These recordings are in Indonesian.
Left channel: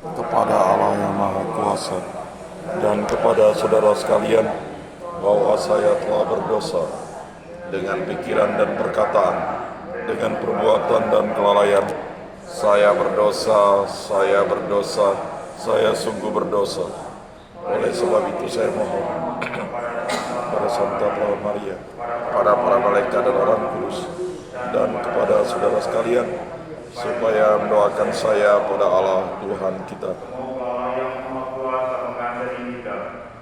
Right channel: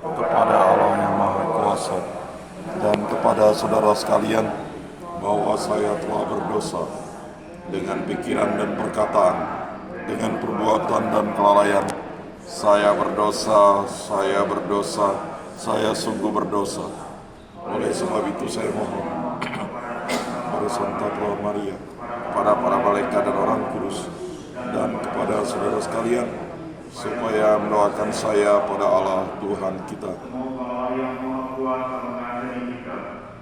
kepada Allah yang Maha Kuasa dan kepada saudara sekalian bahwa saya telah berdosa dengan pikiran dan perkataan, dengan perbuatan dan kelalaian. Saya berdosa, saya sungguh berdosa. Oleh sebab itu saya mohon pada Santa Tuhan Maria, pada para malaikat dan orang kudus, dan kepada saudara sekalian, supaya mendoakan saya pada Allah Tuhan kita. Semoga Allah yang Maha Kuasa mengampuni kita,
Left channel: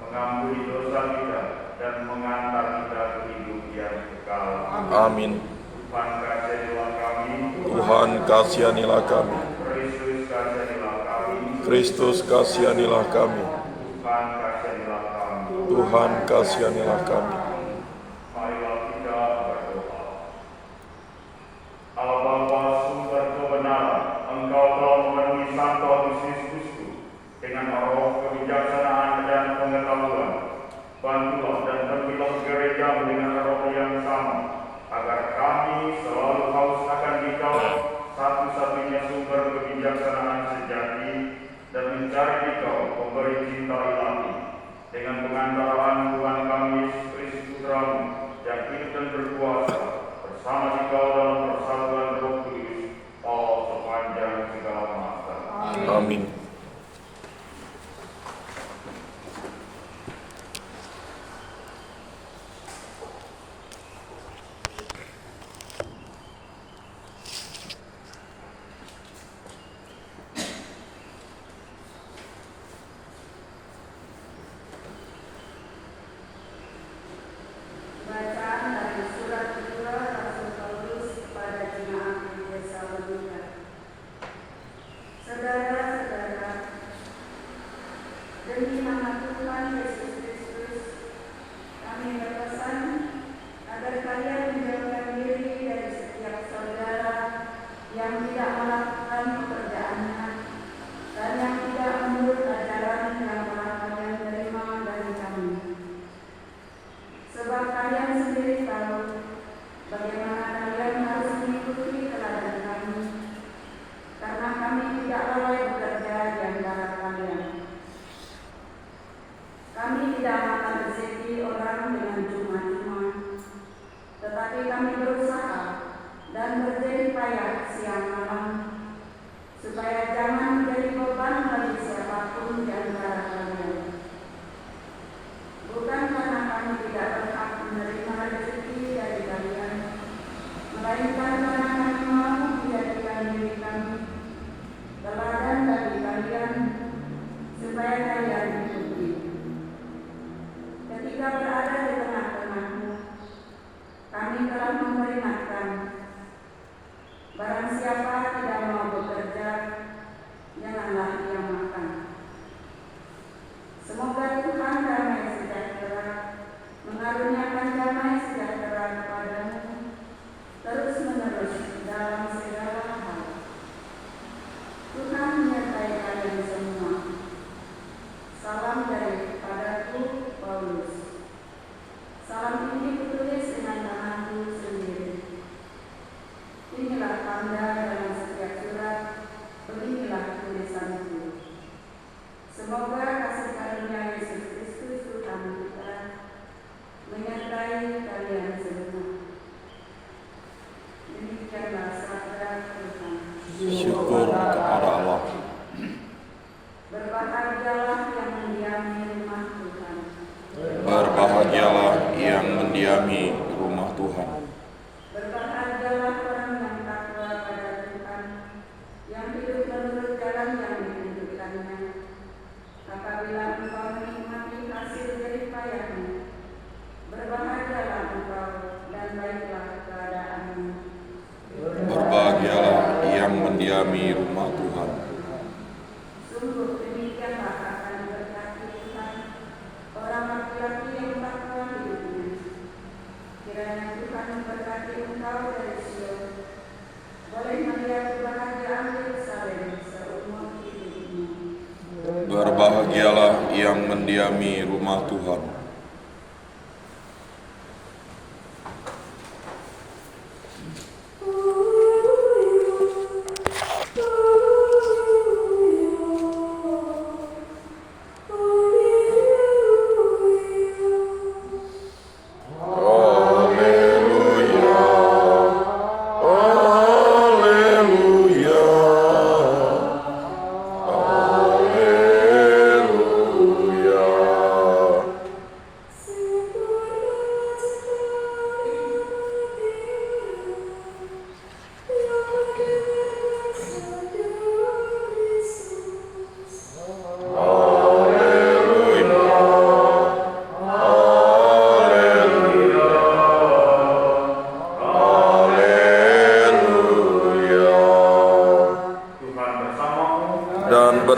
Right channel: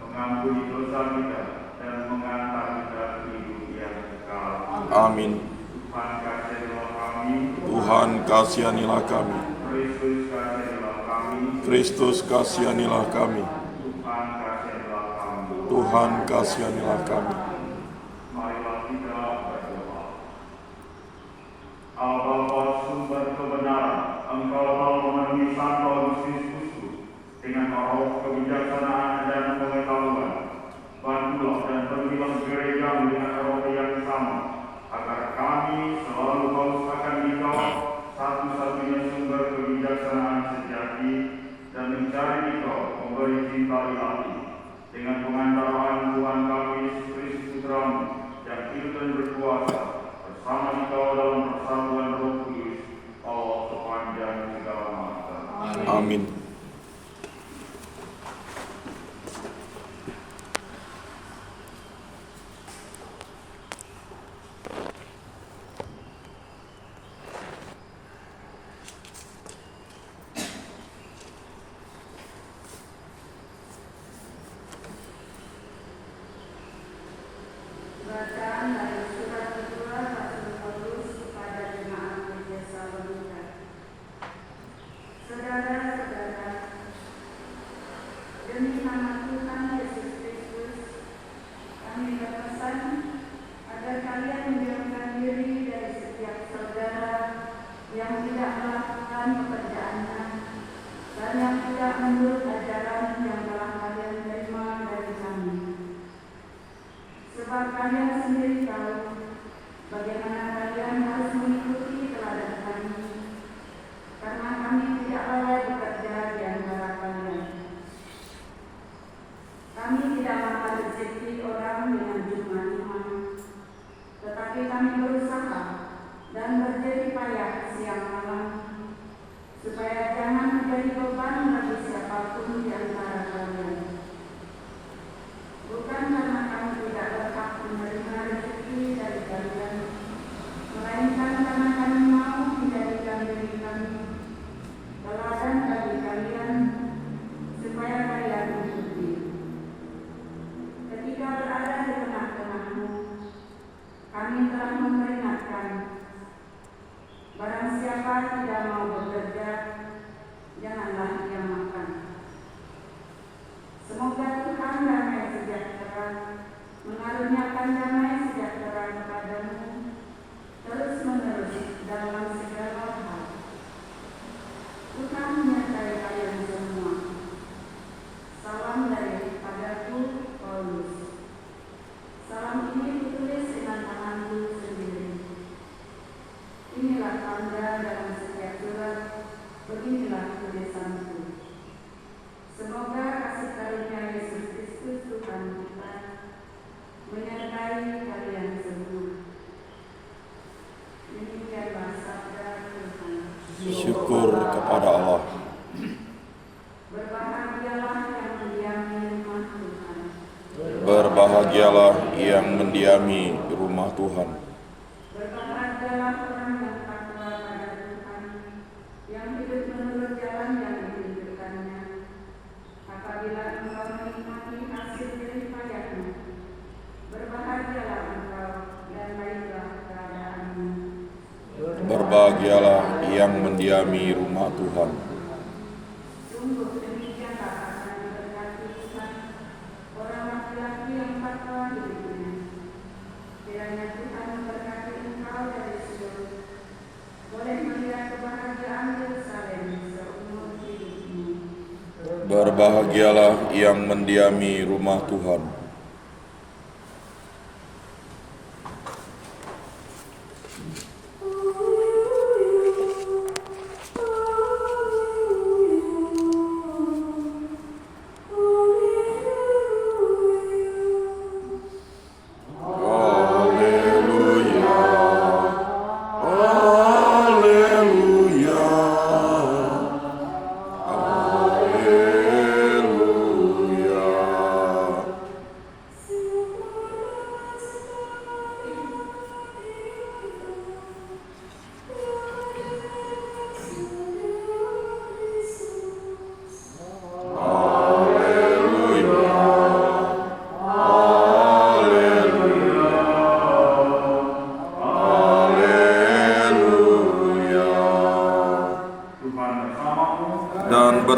mengampuni dosa kita, dan mengantar kita ke hidup yang kekal. Amin. Tuhan kasihanilah kami. Tuhan kasihanilah kami. Kristus kasihanilah kami. Kristus kasihanilah kami. Tuhan kasihanilah kami. Tuhan kasihanilah kami. Marilah kita berdoa. Allah Bapa sumber kebenaran, Engkau telah memenuhi Santo Agustus dengan roh kebijaksanaan dan pengetahuan. Bantulah dan penuhilah gereja dengan roh yang sama, agar kami selalu haus akan Engkau, satu-satunya sumber kebijaksanaan sejati, dan mencari Engkau, pemberi cinta ilahi, dengan pengantaran Tuhan kami Yesus Kristus Putramu, yang hidup dan berkuasa bersama Engkau dalam persatuan Roh Kudus, Allah sepanjang segala masa. Amin. Bacaan dari surat kedua Rasul Paulus kepada jemaat di Tesalonika. Saudara-saudara, demi nama Tuhan Yesus Kristus, kami berpesan agar kalian menjauhkan diri dari setiap saudara yang tidak melakukan pekerjaannya dan yang tidak menurut ajaran yang telah kalian terima dari kami. Sebab kalian sendiri tahu bagaimana kalian harus mengikuti teladan kami, karena kami tidak lalai bekerja di antara kalian. Kami tidak makan rezeki orang dengan cuma-cuma, tetapi kami berusaha dan berjeri payah siang malam, supaya jangan menjadi beban bagi siapapun di antara kalian. Bukan karena kami tidak berhak menerima rezeki dari kalian, melainkan karena kami mau menjadikan diri kami teladan bagi kalian, supaya kalian mengikuti. Ketika berada di tengah-tengahmu, kami telah memperingatkan, barang siapa tidak mau bekerja, janganlah ia makan. Semoga Tuhan damai sejahtera mengaruniakan damai sejahtera kepadamu terus menerus dalam segala hal. Tuhan menyertai kalian semua. Salam daripadaku, Paulus. Salam ini kutulis dengan tanganku sendiri. Inilah tanda dalam setiap surat, beginilah tulisanku. Semoga kasih karunia Yesus Kristus Tuhan kita menyertai kalian semua. Demikianlah sabda Tuhan. Syukur kepada Allah. Berbahagialah yang mendiami rumah Tuhan. Berbahagialah yang mendiami rumah Tuhan. Berbahagialah orang yang takwa pada Tuhan, yang hidup menurut jalan yang ditunjukkannya. Apabila engkau menikmati hasil jerih payahmu, berbahagialah engkau dan baiklah keadaanmu. Berbahagialah yang mendiami rumah Tuhan. Sungguh demikianlah akan diberkati Tuhan orang laki-laki yang takwa hidupnya. Kiranya Tuhan memberkati engkau dari Sion, boleh melihat kebahagiaan Yerusalem seumur hidupmu. Berbahagialah yang mendiami rumah Tuhan.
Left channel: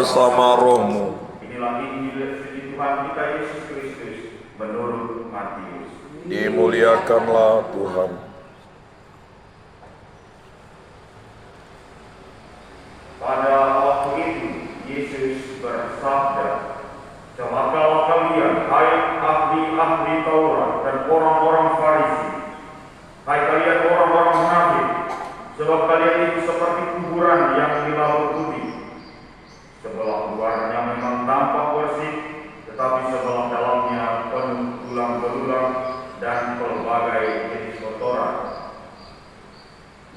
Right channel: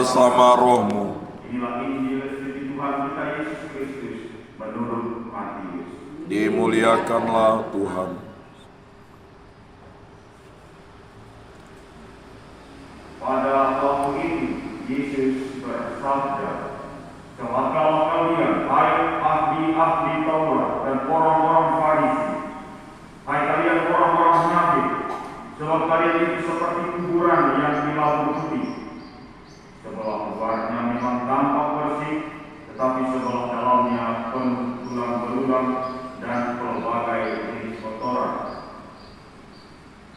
bersama rohmu. Inilah Injil dari Tuhan kita Yesus Kristus menurut Matius. Dimuliakanlah Tuhan. Pada waktu itu Yesus bersabda, "Celakalah kalian, hai ahli-ahli Taurat dan orang-orang Farisi, hai kalian orang-orang munafik, sebab kalian itu seperti kuburan yang dilabur putih. Sebelah luarnya memang tampak bersih, tetapi sebelah dalamnya penuh tulang belulang dan pelbagai jenis kotoran.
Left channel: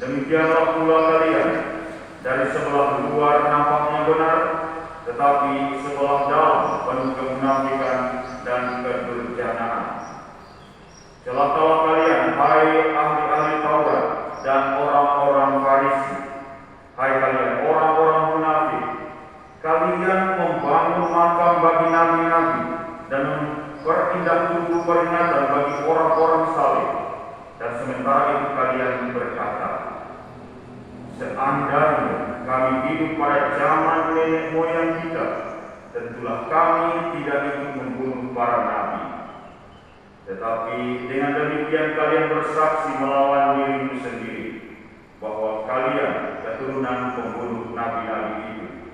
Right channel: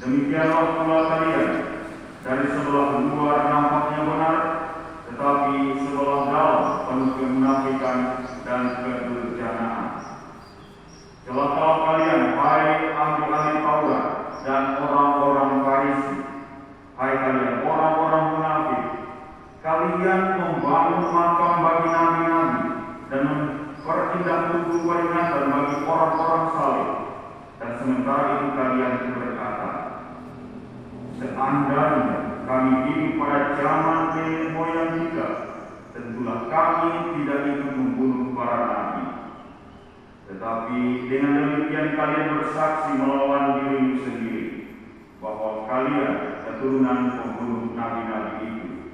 Demikianlah pula kalian, dari sebelah luar nampaknya benar, tetapi sebelah dalam penuh kemunafikan dan kedurjanaan. Celakalah kalian, hai ahli-ahli Taurat dan orang-orang Farisi, hai kalian orang-orang munafik, kalian membangun makam bagi nabi-nabi dan berindah tubuh peringatan bagi orang-orang saleh, dan sementara itu kalian berkata, seandainya kami hidup pada zaman nenek moyang kita, tentulah kami tidak ikut membunuh para nabi. Tetapi dengan demikian kalian bersaksi melawan dirimu sendiri, bahwa kalian keturunan pembunuh nabi-nabi itu.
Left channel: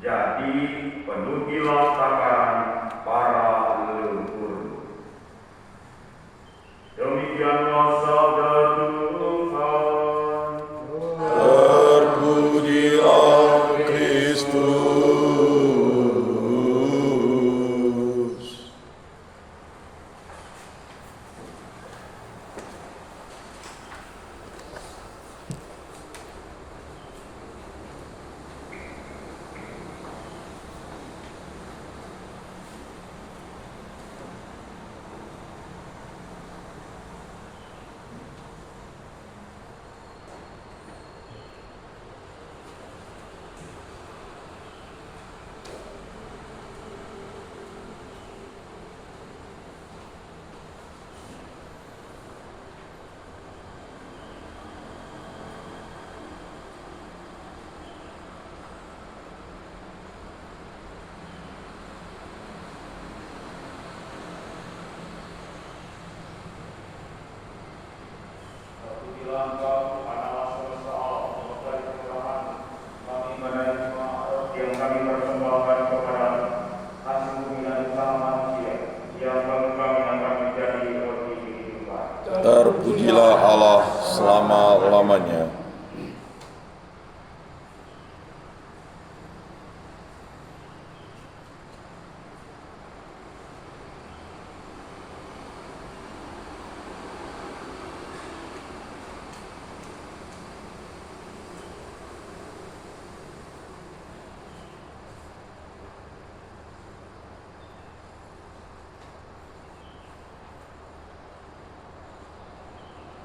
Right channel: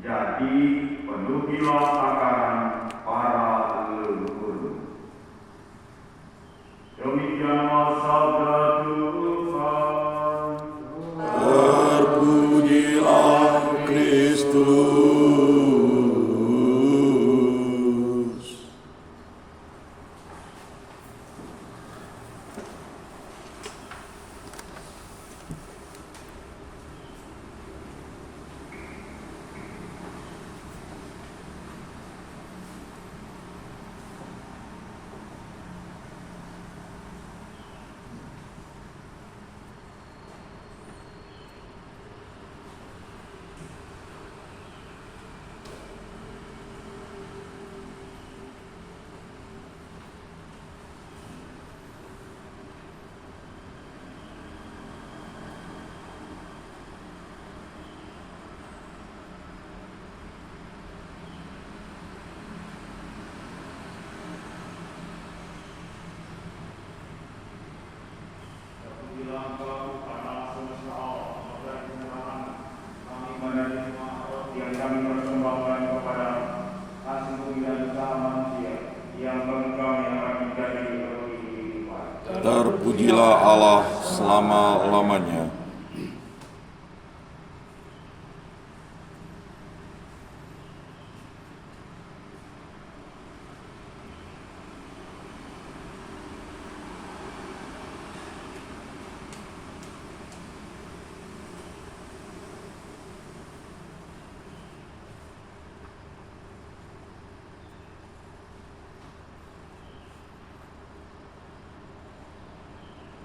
Jadi penuhilah takaran para leluhur." Demikianlah sabda Tuhan. Terpujilah Kristus. Terpujilah Allah selama-lamanya.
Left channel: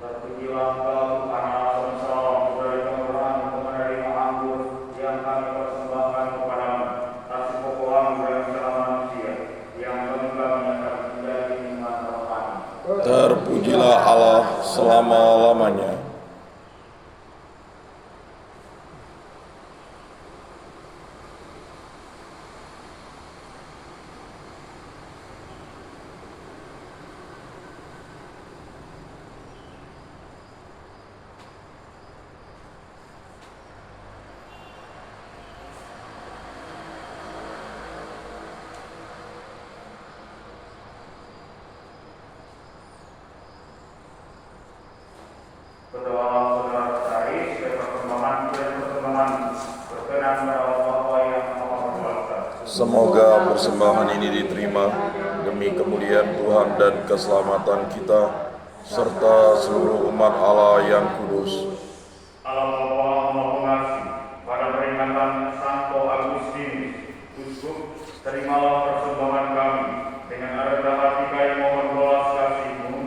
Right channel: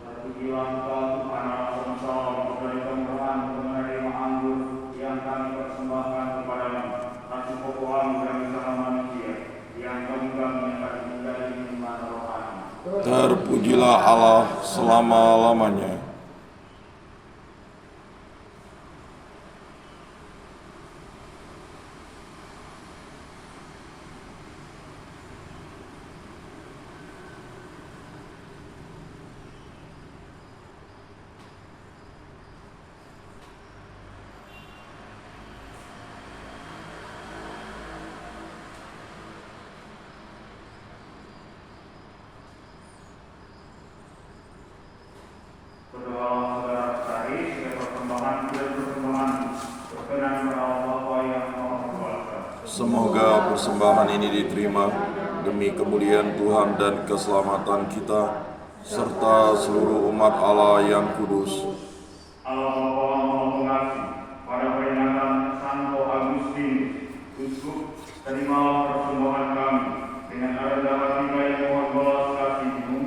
Terpujilah Tuhan Allah semesta alam, dari Tuhan menerima anggur yang kami persembahkan kepadamu, hasil pokokan dari segala manusia, yang bagi kami akan menjadi minuman rohani. Terpujilah Allah selama-lamanya. Saudara-saudara sekalian, sebagai perkembangan berkenan kepada Allah yang Maha Kuasa. Semoga persembahan ini diterima demi kemuliaan Tuhan dan keselamatan kita, serta seluruh umat Allah yang kudus. Allah Maha Pengasih, pada peringatan Santo Agustinus, Uskup, terimalah persembahan kami dengan rendah hati kami mohon belas kasih-Mu,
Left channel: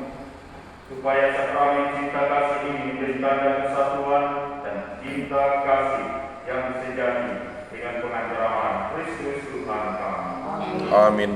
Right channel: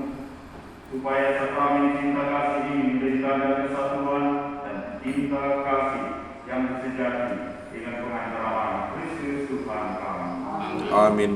supaya kami cinta kasih ini menjadi tanda kesatuan dan cinta kasih yang sejati dengan pengantaran Kristus Tuhan kami. Amin.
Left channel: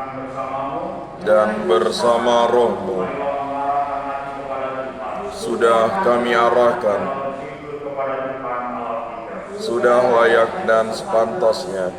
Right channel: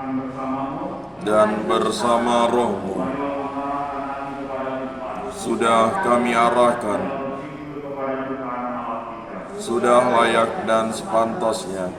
Tuhan bersamamu, dan bersama rohmu. marilah mengarahkan hati kepada Tuhan. Sudah kami arahkan, Bersyukur kepada Tuhan Allah kita. sudah layak dan sepantasnya.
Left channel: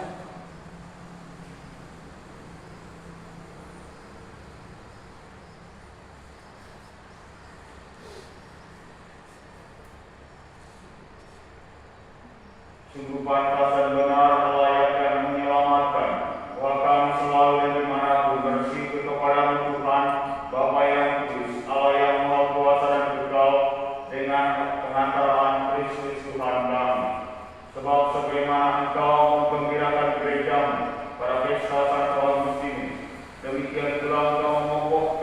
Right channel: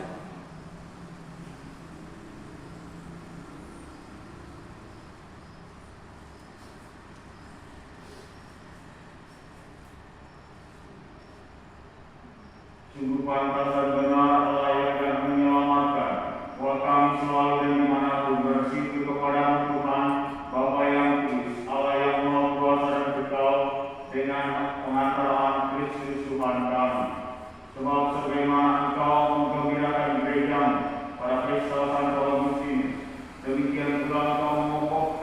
Sungguh pantas dan benar, layak dan menyelamatkan. Bahwa kami selalu dan dimanapun bersyukur kepadamu Tuhan, Bapa yang kudus, Allah yang maha kuasa dan kekal, dengan pengantaraan Kristus Tuhan kami. Sebab sebagaimana Engkau menggembirakan gerejamu pada pesta Santo Agustinus, demikian pula Engkau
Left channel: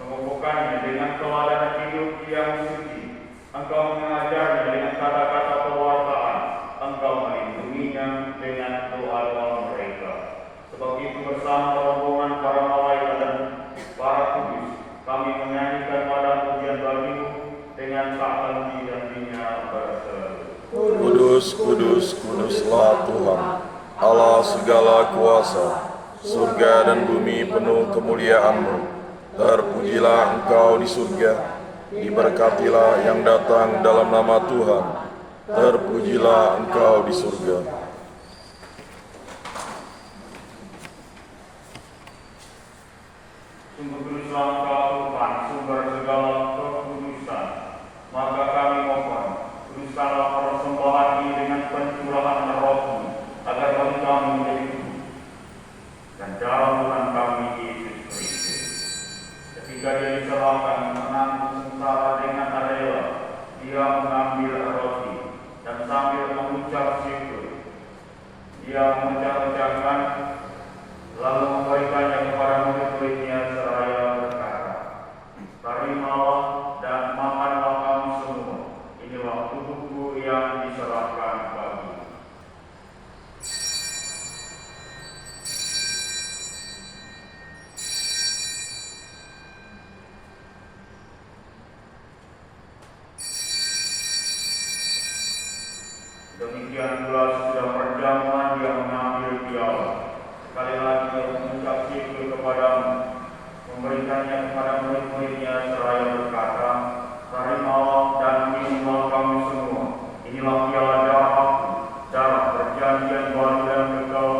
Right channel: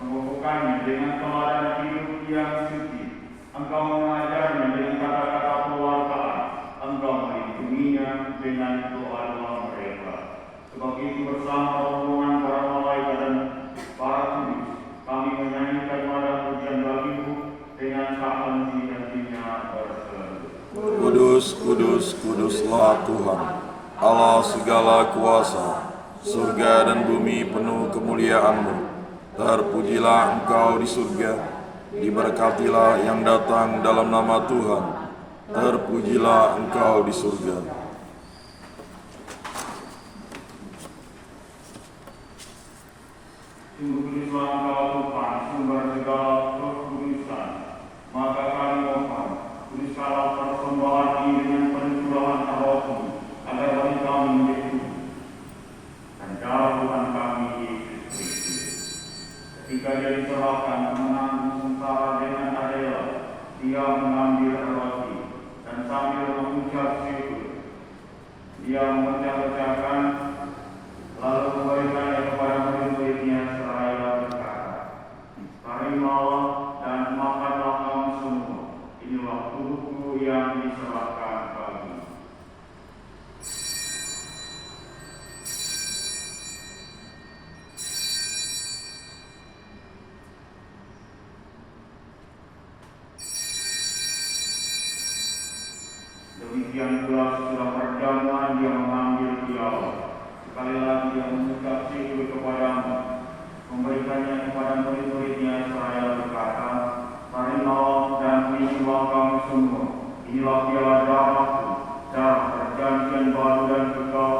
mengokohkannya dengan teladan hidup yang suci. Engkau mengajarnya dengan kata-kata pewartaan. Engkau melindunginya dengan doa-doa mereka. Sebab itu bersama rombongan para malaikat dan para kudus, kami menyanyikan malam pujian bagimu dengan tak henti dan binar berseru. Kudus, kudus, kuduslah Tuhan, Allah segala kuasa. Surga dan bumi penuh kemuliaan-Mu. Terpujilah Engkau di surga, diberkatilah yang datang dalam nama Tuhan. Terpujilah Engkau di surga. Sungguh kuduslah Engkau Tuhan, sumber segala kekudusan. Maka kami mohon, kuduskanlah persembahan ini dengan pencurahan roh-Mu, agar bagi kami menjadi tubuh dan darah Tuhan kami Yesus Kristus. Ketika Dia diserahkan menanggung sengsara dengan adil, Dia mengambil roti dan sambil mengucap syukur, Dia memecah-pecahkan, lalu memberikannya kepada murid-muridnya seraya berkata, "Terimalah dan makanlah kamu semua. Inilah tubuhku yang diserahkan bagimu." Demikian pula sesudah perjamuan Dia mengambil piala. Sekali lagi Dia mengucap syukur kepadamu, memberikannya kepada murid-muridnya seraya berkata, "Terimalah dan minumlah kamu semua. Inilah piala darahku, darah perjanjian baru dan kekal,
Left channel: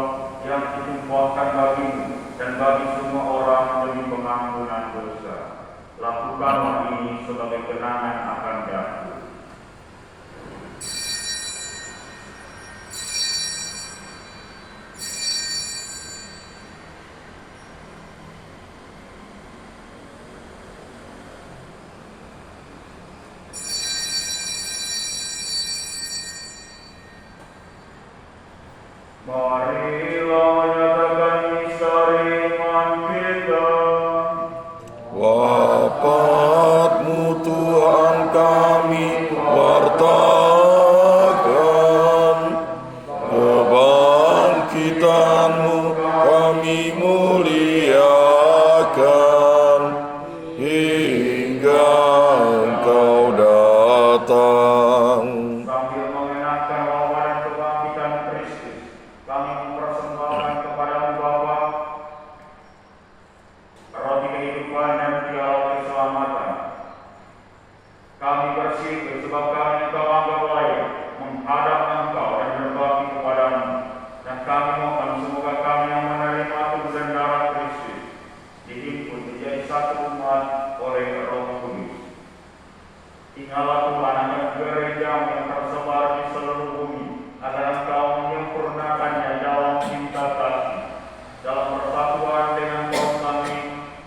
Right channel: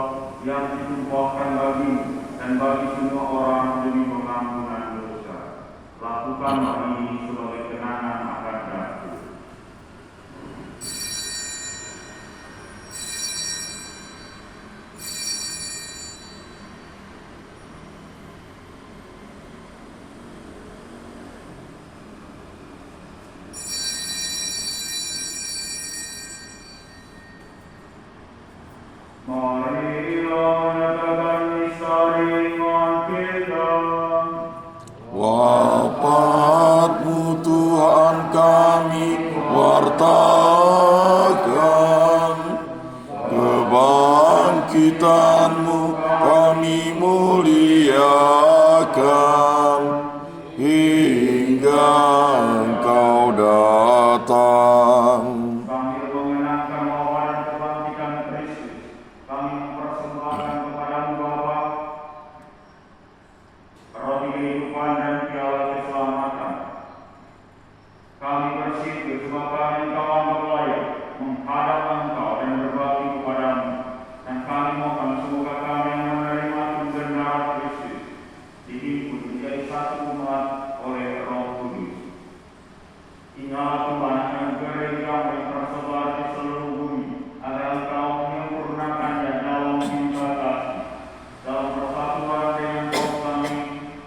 yang ditumpahkan bagimu dan bagi semua orang demi pengampunan dosa. Lakukanlah ini sebagai kenangan akan daku." Marilah menyatakan misteri iman kita. Wafat-Mu Tuhan kami wartakan, kebangkitan-Mu kami muliakan, hingga Engkau datang. Sambil mengenangkan wafat dan kebangkitan Kristus, kami mempersembahkan kepadamu Bapa roti kehidupan dan piala keselamatan. Kami bersyukur sebab kami Engkau anggap layak menghadap Engkau dan berbakti kepadamu. Dan kami mohon semoga kami yang menerima tubuh dan darah Kristus dihimpun menjadi satu umat oleh Roh Kudus. Inilah Tuhan akan gereja yang tersebar di seluruh bumi, agar Engkau menyempurnakannya dalam cinta kasih, dalam persatuan dengan Rohani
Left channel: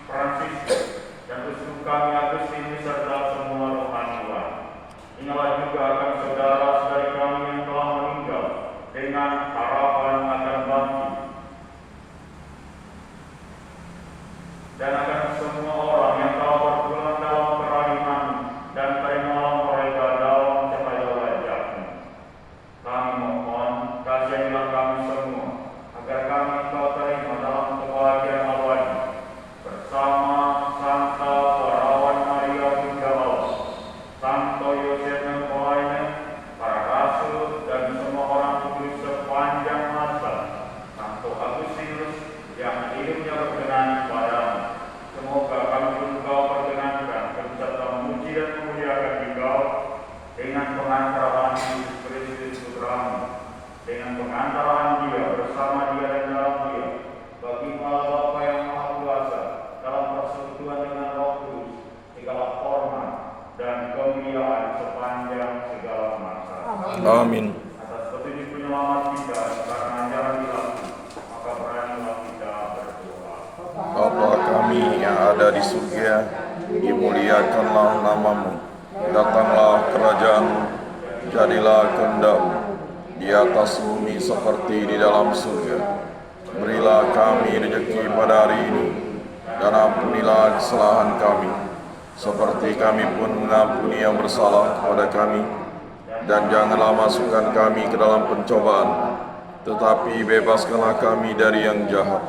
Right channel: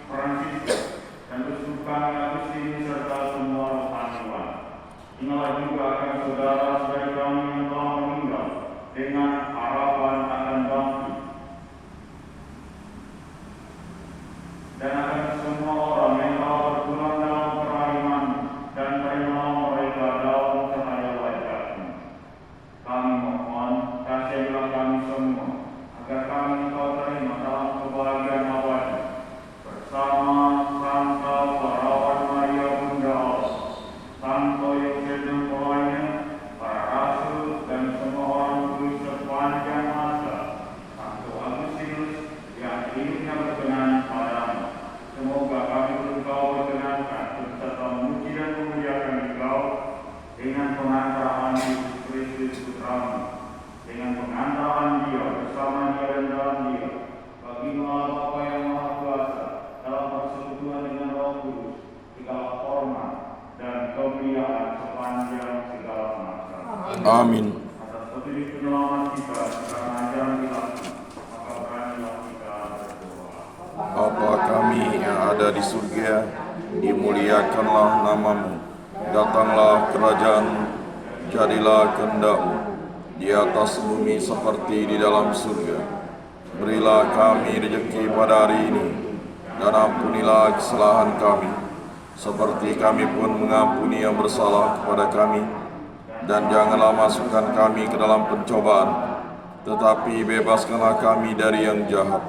Fransiskus dan Uskup kami Agustinus serta semua rohaniwan. Inilah juga akan saudara-saudara kami yang telah meninggal dengan harapan akan bangkit, dan akan semua orang yang telah bergumam dalam kerahiman, dan terimalah mereka dalam cahaya wajah-Mu. Kami mohon, kasihilah kami semua, agar kami Engkau terima dalam kebahagiaan abadi, bersama Santa Perawat Maria Bunda Allah, Santo Yosef Nepolaina, Amin. Atas petunjuk penyelamat kita, karena ajaran ilahi, maka beranilah kita berdoa. Bapa kami yang ada di surga, dimuliakanlah namamu. Datanglah kerajaan-Mu, jadilah kehendak-Mu di atas bumi seperti di dalam surga. Berilah kami rezeki pada hari ini, dan ampunilah kesalahan kami, seperti kami pun mengampuni yang bersalah kepada kami. Dan janganlah masukkan kami ke dalam pencobaan, tetapi bebaskanlah kami dari yang jahat.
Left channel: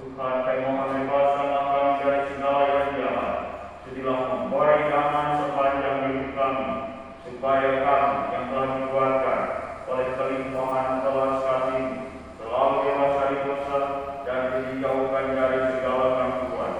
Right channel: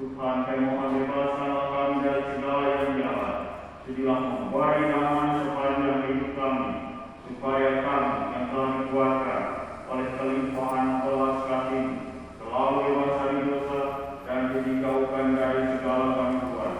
Tuhan, kami mohon bebaskanlah kami dari segala yang jahat. Sudilah memberi aman sepanjang hidup kami, supaya kami yang telah dikuatkan oleh kelimpahan belas kasih selalu bebas dari dosa dan dijauhkan dari segala gangguan,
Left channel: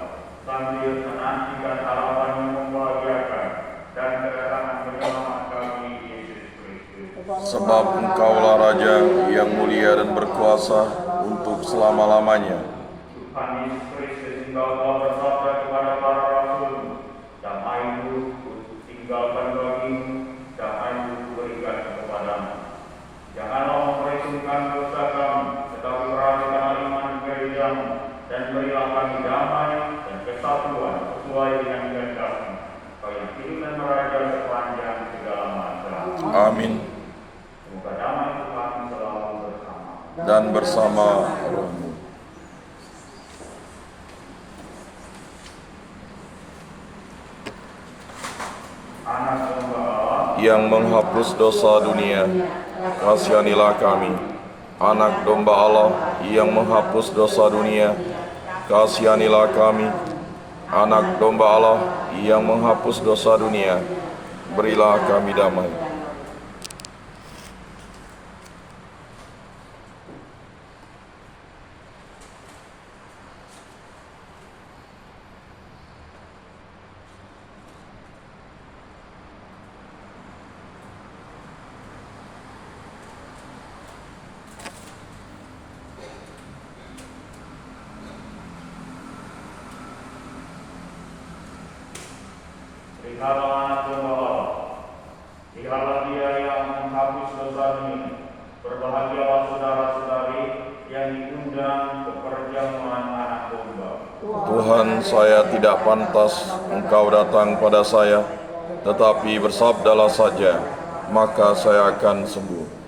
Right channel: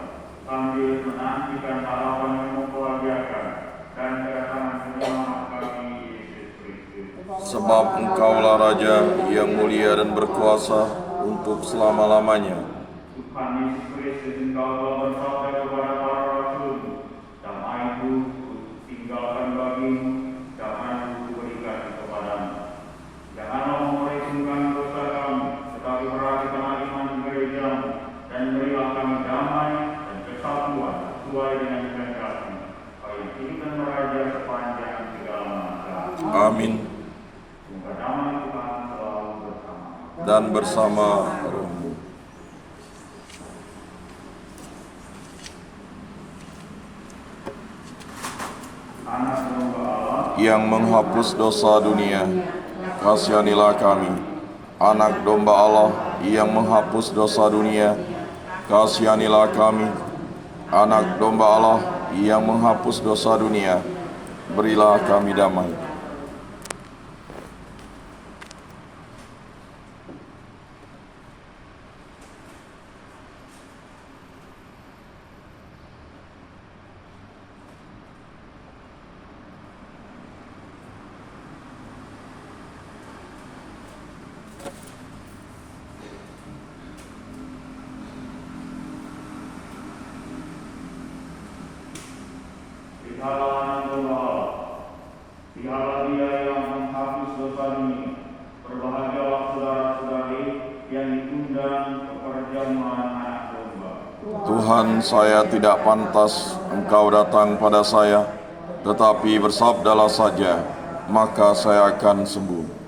sambil menantikan harapan yang membahagiakan dan kedatangan bersama kami Yesus Kristus. Sebab Engkaulah Raja yang mulia dan berkuasa untuk selama-lamanya. Tuhan Yesus Kristus, Engkau telah bersabda kepada para rasul, damai-Ku tinggalkan bagimu, damai-Ku berikan kepadamu. Janganlah memperhitungkan dosa kami, tetapi perhatikanlah iman gerejamu, dan berilah kami damai dan kesatuan sesuai dengan kehendak-Mu, Kau yang hidup dan meraja sepanjang segala masa. Amin. Semoga damai Tuhan selalu bersama. Dan bersama rohmu. Anak domba Allah, Yang menghapus dosa dunia, kasihanilah kami. Anak domba Allah yang menghapus dosa dunia, kasihanilah kami. Anak domba Allah yang menghapus dosa dunia, berilah kami damai. lihatlah anak domba Allah, lihatlah Dia yang menghapus dosa dunia. Berbahagialah saudara-saudari yang diundang ke perjamuan anak domba. Tuhan, saya tidak pantas Engkau datang pada saya, tetapi bersabdalah saja, maka saya akan sembuh.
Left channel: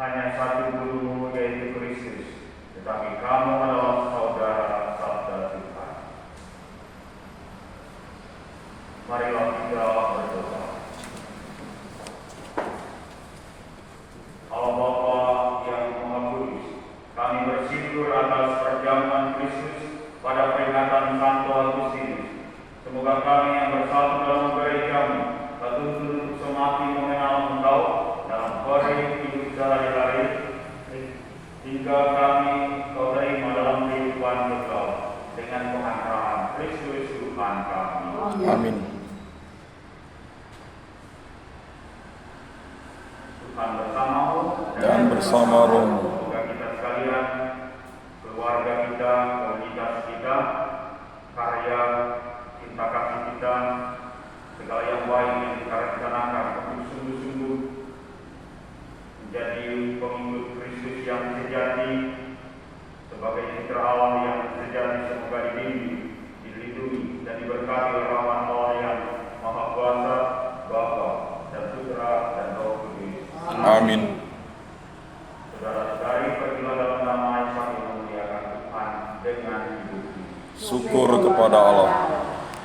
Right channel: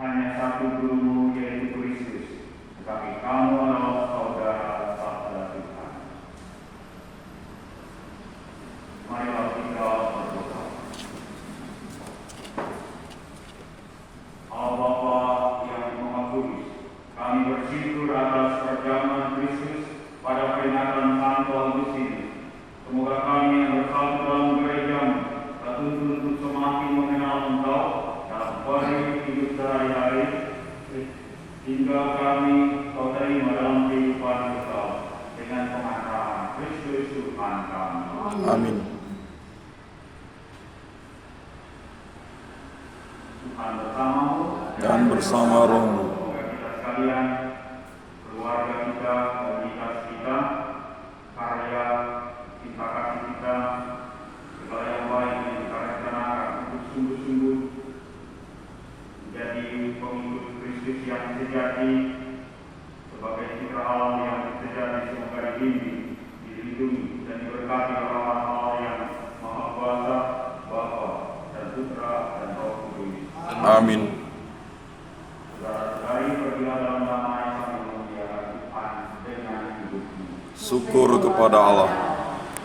hanya satu guru, yaitu Kristus, tetapi kamu adalah saudara sabda Tuhan. Marilah kita berdoa. Allah Bapa yang Maha Kudus, kami bersyukur atas perjamuan Kristus pada peringatan Santo Agustinus. Semoga kami yang bersatu dalam gerejamu tertuntun untuk semakin mengenal Engkau dalam kode hidup sehari-hari, hingga kami Kau terima dalam kehidupan kekal dengan pengantaran Kristus Tuhan kami. Amin. Tuhan bersamamu Dan bersama rohmu. Semoga kita sekalian, keluarga kita, komunitas kita, karya, cinta kasih kita, segala yang baik yang kita rencanakan untuk sungguh-sungguh menjadi pengikut Kristus yang sejati, sebagai citra alam yang sejati, semoga dibimbing, dilindungi, dan diberkati oleh Allah yang Maha Kuasa, Bapa dan Putra dan Roh Kudus. Amin. Saudara-saudari, pergilah dalam damai sambil memuliakan Tuhan dengan hidup. Syukur kepada Allah.